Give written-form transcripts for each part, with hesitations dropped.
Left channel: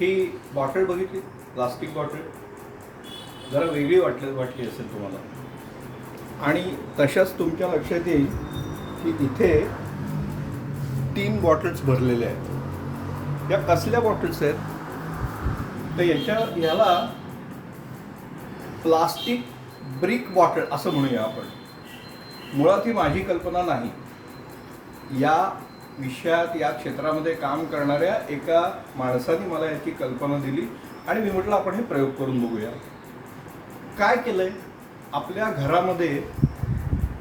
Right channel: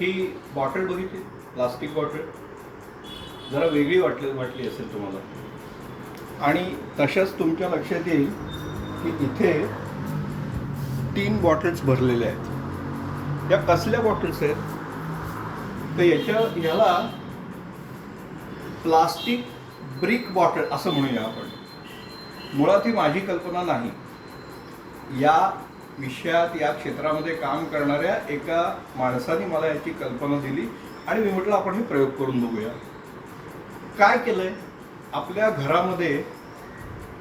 ही bottle बघितली, plastic bottle जरा वेगळी वाटली असेल तुम्हाला. आणि तशाच तुमच्या लक्षात येईल की इथे 3 बॉटल्स भरलेल्या आहेत. या कसल्या बॉटल्स आहेत तर ह्याला प्लास्टिक ब्रिक बॉटल असं म्हणूया आपण. मुळात ही माझी कल्पना नाही, या विषयात या क्षेत्रामध्ये काम करणाऱ्या एका माणसाने मला याची कल्पना दिली आणि मी म्हटलं आपण हे प्रयोग करून बघूया. काय केलंय, आपल्या घरामध्ये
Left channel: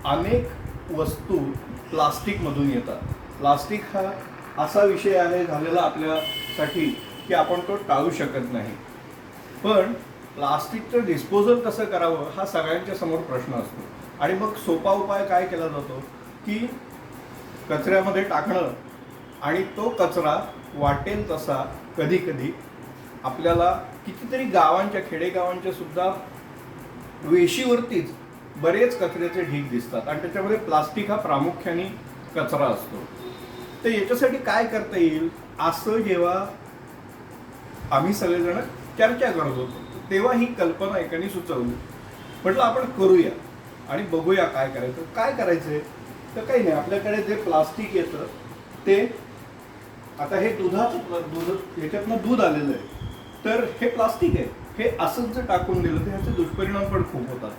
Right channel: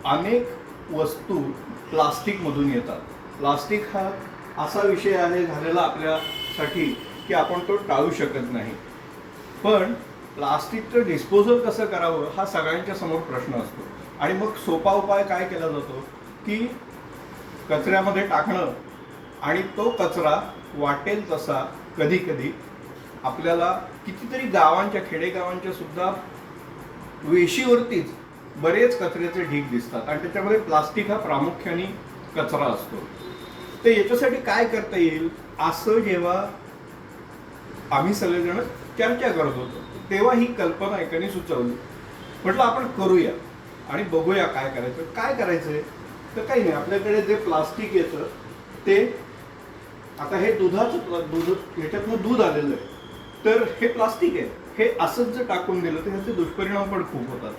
अनेक वस्तू प्लास्टिकमधून येतात. प्लास्टिक हा असा विषय आहे झालेला आपल्यासाठी की आपण तो टाळू शकत नाही. पण प्लास्टिकचं डिस्पोजल कसं करावं हा सगळ्यांच्या समोर प्रश्न असतो. आणि मग सोपा उपाय काय केला जातो की कचऱ्यामध्ये टाकणं आणि तो कचरा वाटेल तसा कधी कधी आपल्याला कितीतरी गावांच्या खेडेगावांच्या सुद्धा वेशीवरतीच बरेच कचऱ्याचे ढीग दिसतात आणि त्याच्यामध्ये प्लास्टिक हा प्रामुख्याने कचरा असतो. तर याच्यासाठी काय करता येईल असं जेव्हा आम्ही सगळेजण चर्चा करत होतो तेव्हा ही कल्पना एकाने सुचवली. म्हटलं आपण करूया आणि बघूया काय करायचं. काय करायचंय तर काही नाही, आपल्याकडे जे प्लास्टिक येतं ते आता हे दूध ह्याच्यातनं दूध आलेलं आहे तर हे प्लास्टिक आहे. हे असंच जर टाकून दिलं तर ह्याचे दुष्परिणाम पण खूप होतात.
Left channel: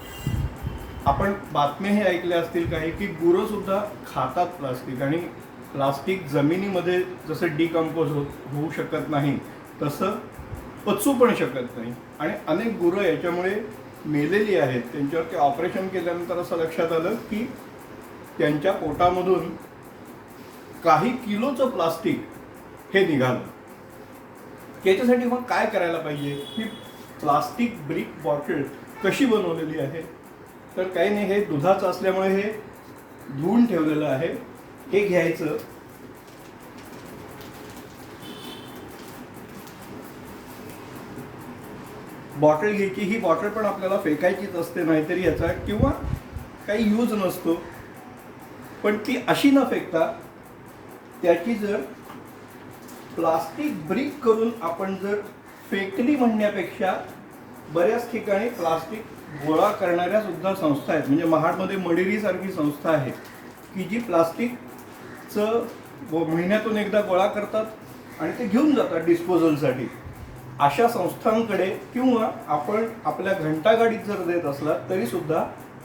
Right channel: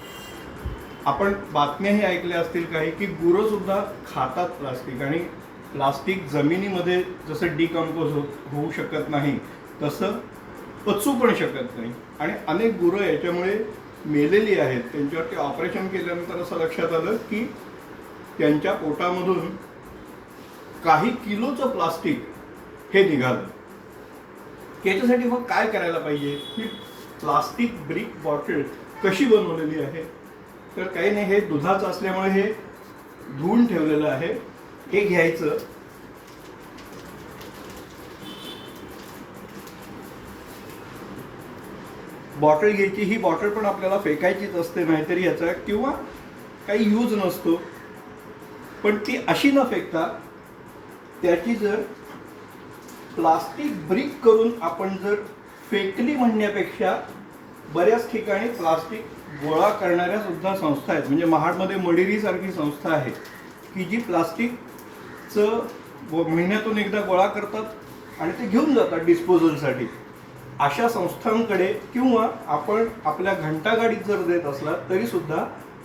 आपण बातम्याही ऐकल्या असतील काही की गुरं सुद्धा खातात प्लास्टिक आणि प्लास्टिक जमिनीमध्ये जसं डिकम्पोज होऊ शकत नाही तसं पचू पण शकत नाही आणि अनेक गुरं याच्यामुळे मेलेली आहेत. त्यांच्यावरती ऑपरेशन केल्यानंतर असं लक्षात आलं की त्यांच्या पोटामधून काही किलोचं प्लास्टिक हे निघालं. याच्यासाठी मग काय करायला पाहिजे, ही प्लास्टिक ब्रिक बॉटल कशी बनवलेली आहे तर काही नाही, हे दुधाचं असल्यामुळे हे धुवून ठेवलेलं आहे. हे घ्यायचं, बॉटल घ्यायची. ही बॉटल पण आपल्याला फेकायचीच असते, नाहीतरी याचा किंवा काही यूज नसतो. पण ती अशी न फेकता त्याची जर प्लास्टिक ब्रिक करून आपण जर फेकली म्हणण्यापेक्षा बऱ्याच ठिकाणी प्लास्टिक गोळा करणाऱ्या सुद्धा संस्था आहेत. म्हणजे महाडमध्ये मडिरी सारखी संस्था आहे की जी प्लास्टिकचं महिन्यातून एकदा गोळा करतात आणि ते घेऊन जातात डिस्पोजलसाठी. अशा संस्थांकडे किंवा आपण आपल्या घंटागाडीत जर देत असलात तरी सुद्धा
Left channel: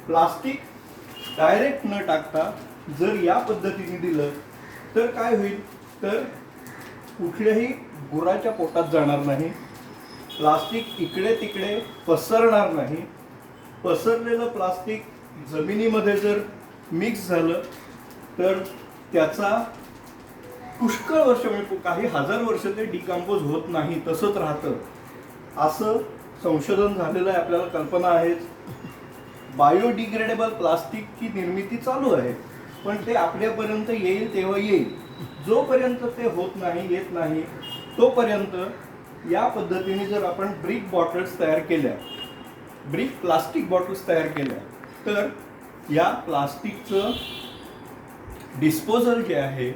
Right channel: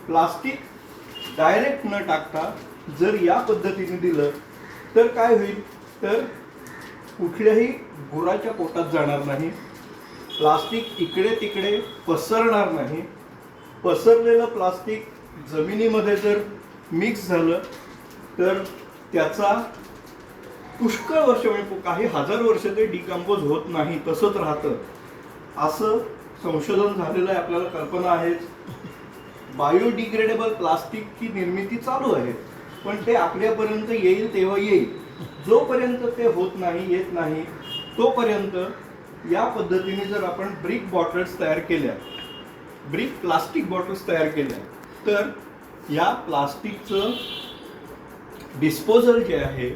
प्लास्टिक डायरेक्ट न टाकता जर या पद्धतीने दिलं तर काय होईल तर कुठल्याही गुराच्या पोटात जाणार नाही, प्लास्टिक इकडे तिकडे पसरणार नाही. पसरलेलं प्लास्टिक जमिनीमध्ये जर मिक्स झालं तर त्याचा पुष्कळ वर्ष म्हणजे काही हजार वर्ष ते डिकम्पोज होत नाही, तसंच राहतं असं संशोधन झालेलं आहे. आपल्याला कल्पना आहेच. बायोडिग्रेडेबल प्लास्टिकची निर्मिती चालू आहे पण ते आपल्यापर्यंत येईल तेव्हा येईल. जोपर्यंत ते होत नाही, येत नाही तोपर्यंत या पद्धतीने जर आपण ब्रिक बॉटल्स तयार केल्या, ब्रिक प्लास्टिक बॉटल्स तयार केल्या तर या प्लास्टिकचं डिस्पोजल जे आहे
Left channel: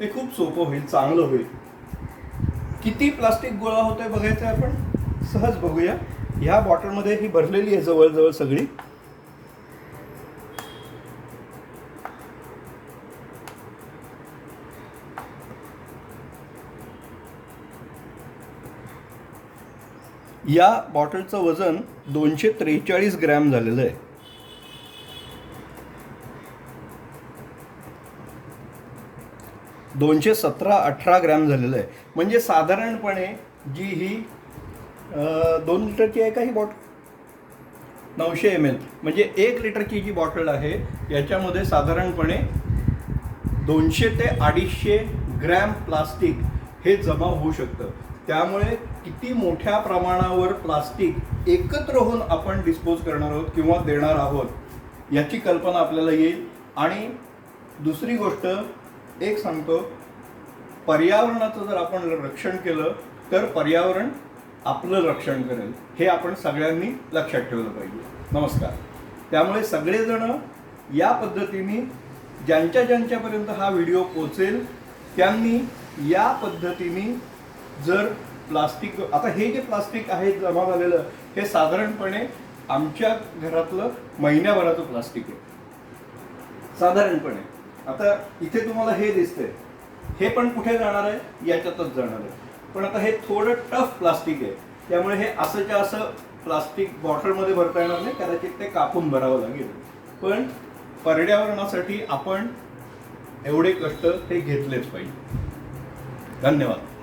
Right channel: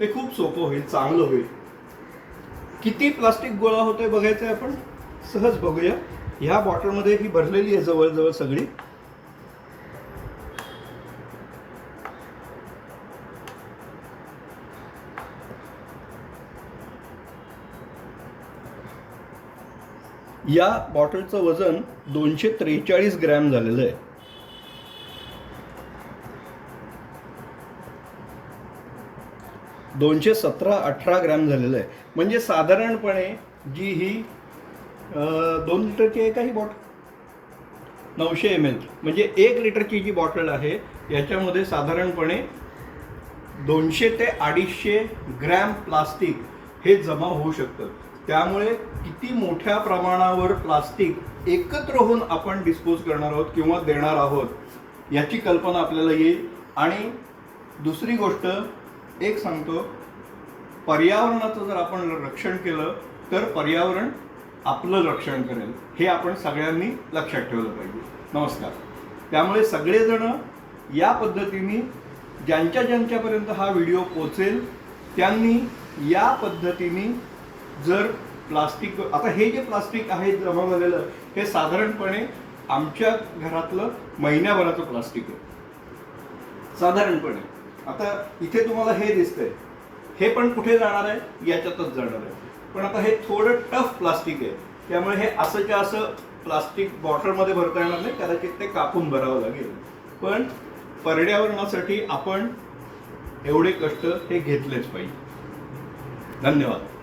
ते खूप सोपं होईल, चांगलं होईल. किती प्लास्टिक गोळा होत आहे बघायचं आहे आपण, सहज बघूया. ह्या बॉटलमध्ये ही भरलेली आहे जवळजवळ सगळी. या बॉटलचं वजन 243 ग्रॅम झालेलं आहे. दोनशे 18 ग्रॅम झालेलं आहे. म्हणजे साधारणपणे जी ही 2 लिटरची आहे का ही बॉटल, 900 ml म्हणजे 1 लिटरची जी बॉटल आहे याच्यामध्ये साधारणपणे 200 ते 250 ग्रॅम प्लास्टिक हे जमा होऊ शकतं. त्यामुळे किती मोठ्या प्रमाणावर प्लास्टिक एकत्र होऊन आपण डिस्पोज करणार आहोत किंवा देणार आहोत याची कल्पना आपल्याला येईल. आणि दुसरी गोष्ट एक सांगतो, पर्यावरणाचं जर आपण रक्षण केलं तर पर्यावरण आपलं रक्षण करेल, हे आपण सगळ्यांनी लक्षात ठेवलं पाहिजे. नमस्कार. त्यामुळे सगळेजण या पद्धतीने ज्यांच्यापर्यंत हा व्हिडिओ पोचेल त्यांनी या पद्धतीने जर प्लास्टिक, आता हे जे प्लास्टिक आहे जमा झालेलं, हे साधारणपणे आमच्या घरातलं महिन्याभराचं प्लास्टिक आहे साधारणपणे. आता इथे तुम्हाला हे दिसतंय, हे पण कुठे जाणार आहे, याच्यातच जाणार आहे. पण आता हे थोडं टफ प्लास्टिक आहे, त्यामुळे हे असंच्या असं प्लास्टिक बॉटलमध्ये भरता येणार नाही, कदाचित ते कापून भरावं लागेल. पण पर्यावरणासाठी आपण एवढे कष्ट हे घेतलेच पाहिजे. धन्यवाद.